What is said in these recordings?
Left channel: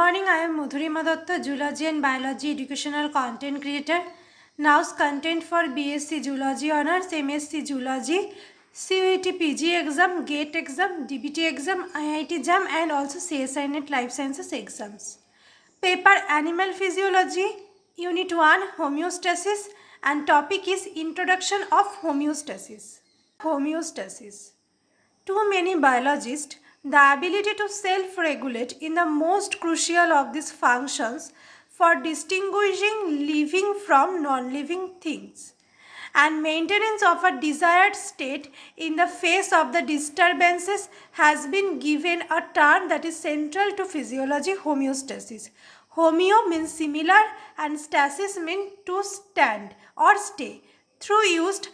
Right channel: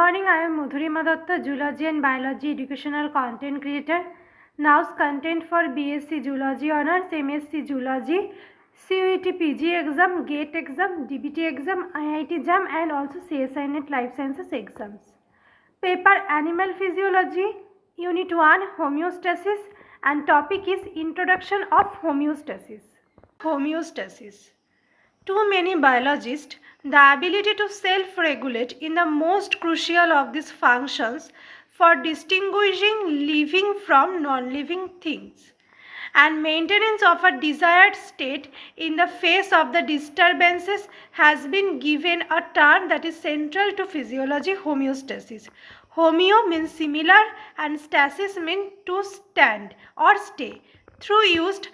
morning, I am Madhurima Datta, Zoology and Biology educational content creator. Now's content for B.Sc Zoology Honours, M.Sc Zoology, CUET PG exam, GATE exam, DBT exam, IIT JAM and also CSI Net Life Sciences exams. Paper Animal Physiology, Unit 1, Homeostasis, and topic is Introduction of Homeostasis. Homeostasis. To many biologists, the ability to self-regulate in the most crucial of these functions for distinguishing living from non-living things and maintenance of a desired state in the face of the disturbances has been given a term that is central to physiology: homeostasis. Homeo means similar and stasis means to stand or stay, through used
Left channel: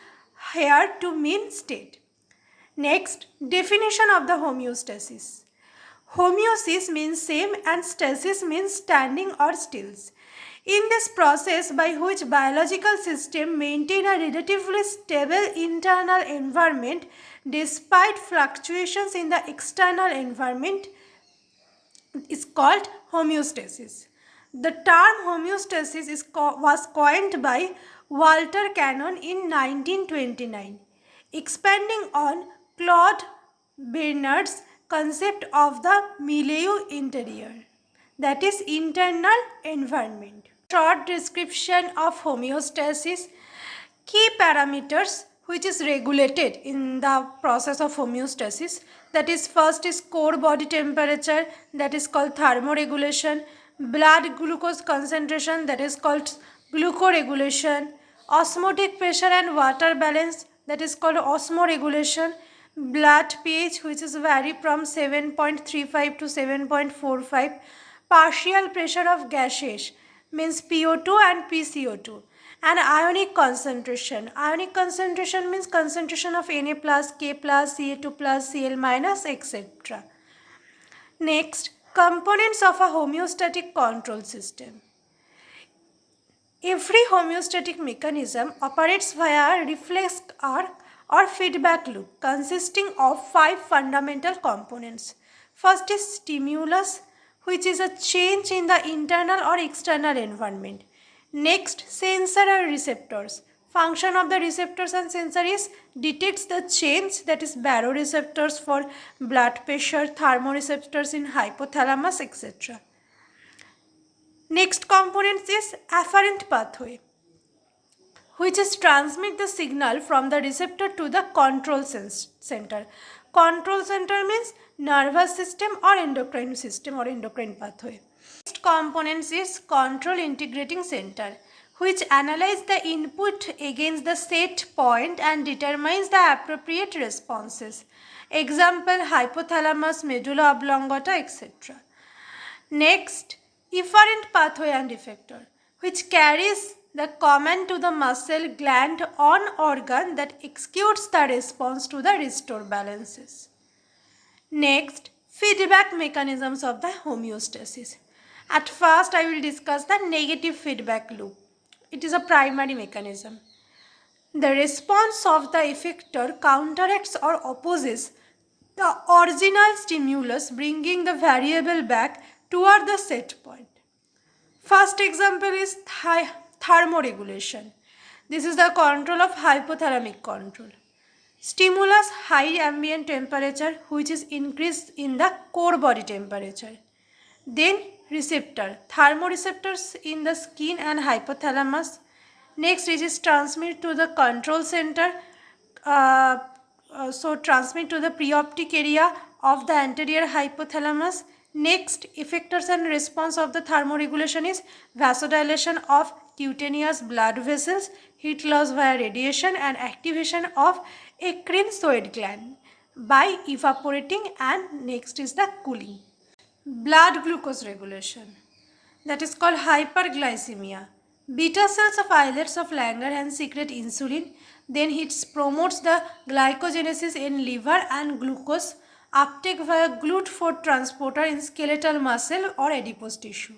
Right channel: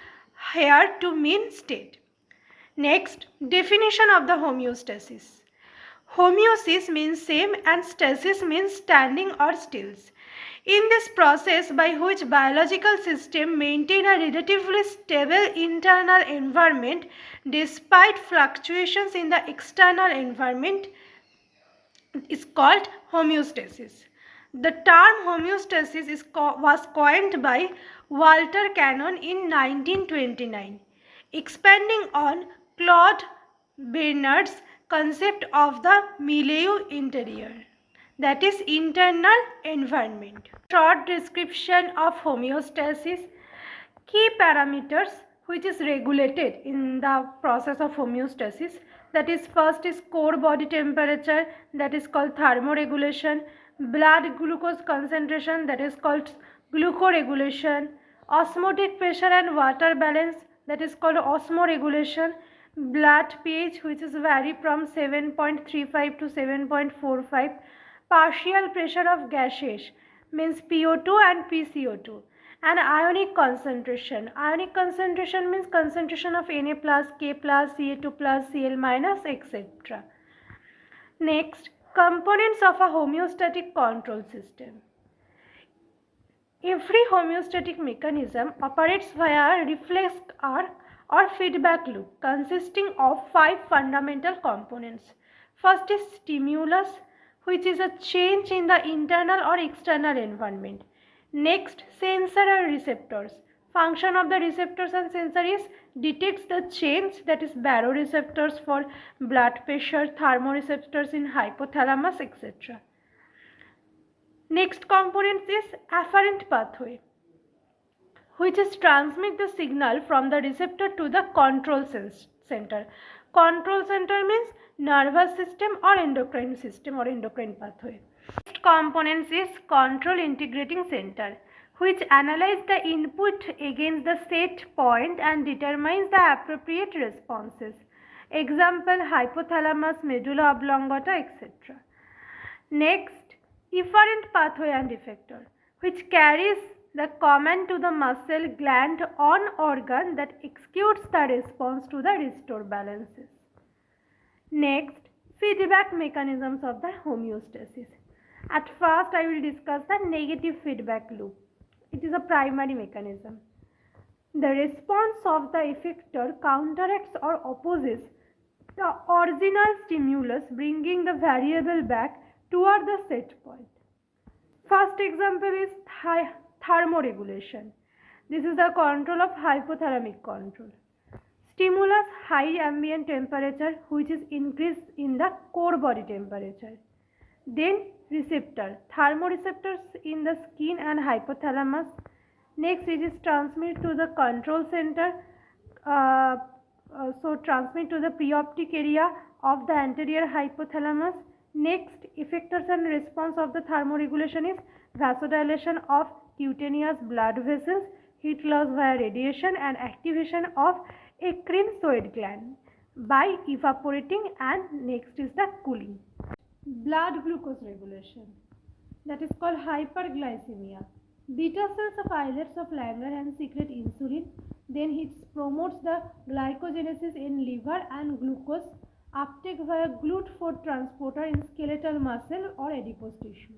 here to mean state. Next, definition of the homeostasis. Homeosis means same and stasis means standing or stills. In this process by which biological systems maintain a relatively stable internal environment despite fluctuations in the external environment is called homeostasis. The term homeostasis was coined by Walter Cannon in 1929, expanding on Claude Bernard's concept of the milieu interior, that is internal environment. Short description of homeostasis. Key parameters which is regulated in the process of homeostasis, that is first is core body temperature, that is called thermoregulation, blood glucose concentration, that is called glucoregulation, osmotic pressure and water balance, that is called osmoregulation, blood pH which is vary from 7.35 to 7.45, partial pressure of gases means PO2 and PCO2, and ionic concentration. Ionic concentration means concentration of Na plus, K plus, Ca2 plus, Cl minus, etc. Next, components of a homeostatic control system. Every homeostatic mechanism operates via a reflex arc or feedback loop consisting of 5 fundamental components. First is stimulus, which is a change in the internal or external environment. Next, sensor or receptors. Function of the receptors and sensor is detects the change, that is baroreceptors for blood pressure, thermoreceptors in hypothalamus, etc. Next component is afferent pathway, which is transmit the signal from the receptor to the control center. Control center means nervous system or endocrine pathway. Next component is control integrating center, which analyze the input against the set point and determines the appropriate responses. Example, hypothalamus, medulla oblongata, etc. Next, efferent pathway and effector, which carries the command to the muscle gland on organ that executes the response to the restore balances. Next, feedback mechanisms of the homeostasis. At first, I will discuss the negative feedback loop. It is a primary mechanism. The response of the effector counteracts or opposes the original stimulus, bringing the variable back toward the set point. First example is thermoregulation. This is the control of hypothalamic control. Stimulus, high ambient temperature, which is increased in the core body temperature. Then receptor, thermoreceptors in the skin and hypothalamus. Next is transmit to the control center, transmit to the preoptic area of the anterior hypothalamus. Next, effectors and response of the thermoregulation is vasodilation of cutaneous blood vessels, heat loss via radiation, and activation of eccrine sweat gland by evaporating, and next is the cooling. Blood glucose regulation, that is called hyperglycemia. Beta cells of islets of Langerhans secrete insulin, then it promotes the glycogenesis in liver and glucose uptake via GLUT4 transporter in skeletal muscle or adipose tissue.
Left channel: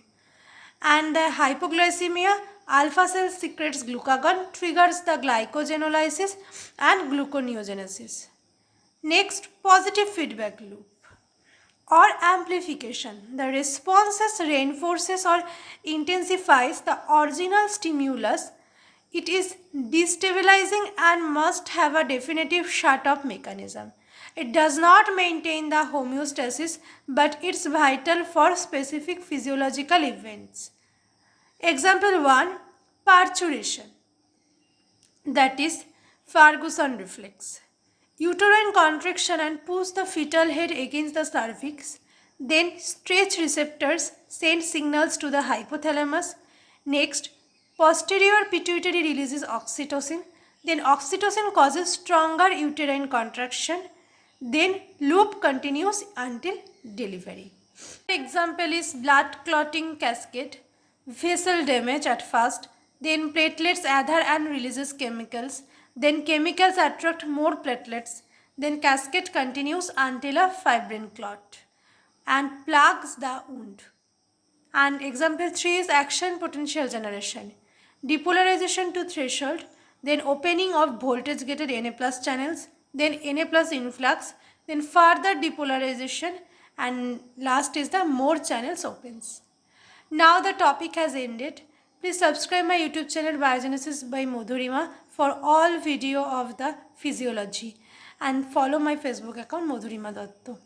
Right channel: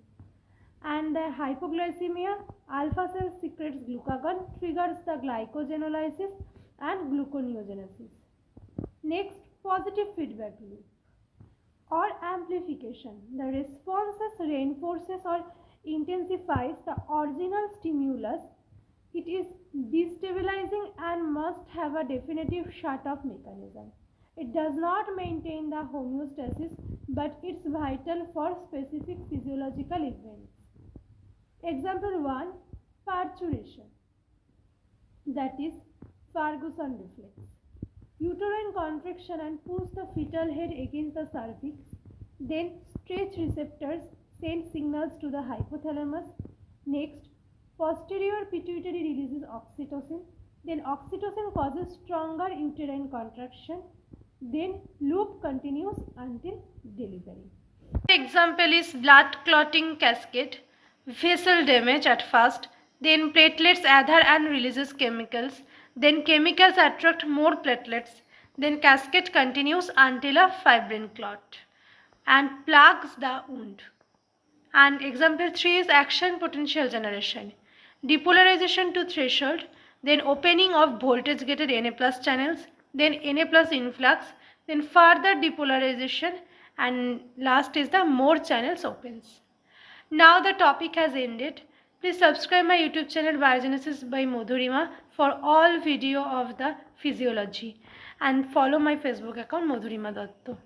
And hypoglycemia, alpha cell secretes glucagon, triggers the glycogenolysis and gluconeogenesis. Next, positive feedback loop. or amplification. The responses reinforces or intensifies the original stimulus. It is destabilizing and must have a definitive shut-off mechanism. It does not maintain the homeostasis, but it's vital for specific physiological events. Example 1, parturition, that is Ferguson reflex. Uterine contraction and push the fetal head against the cervix. Then stretch receptors send signals to the hypothalamus. Next, posterior pituitary releases oxytocin. Then oxytocin causes stronger uterine contraction. Then loop continues until delivery. Example is blood clotting cascade, vessel damage at first, then platelets adhere and releases chemicals, then chemicals attract more platelets, then cascade continues until a fibrin clot and plugs the wound. And example 3 is action potential generation, depolarization to threshold, then opening of voltage gated Na plus channels, then Na plus influx, then further depolarization, and last is the more channels opens. Now the topic has ended. Please subscribe my YouTube channel Biogenesis by Madhurima for all video of the physiology and follow my Facebook account Madhurima Datta.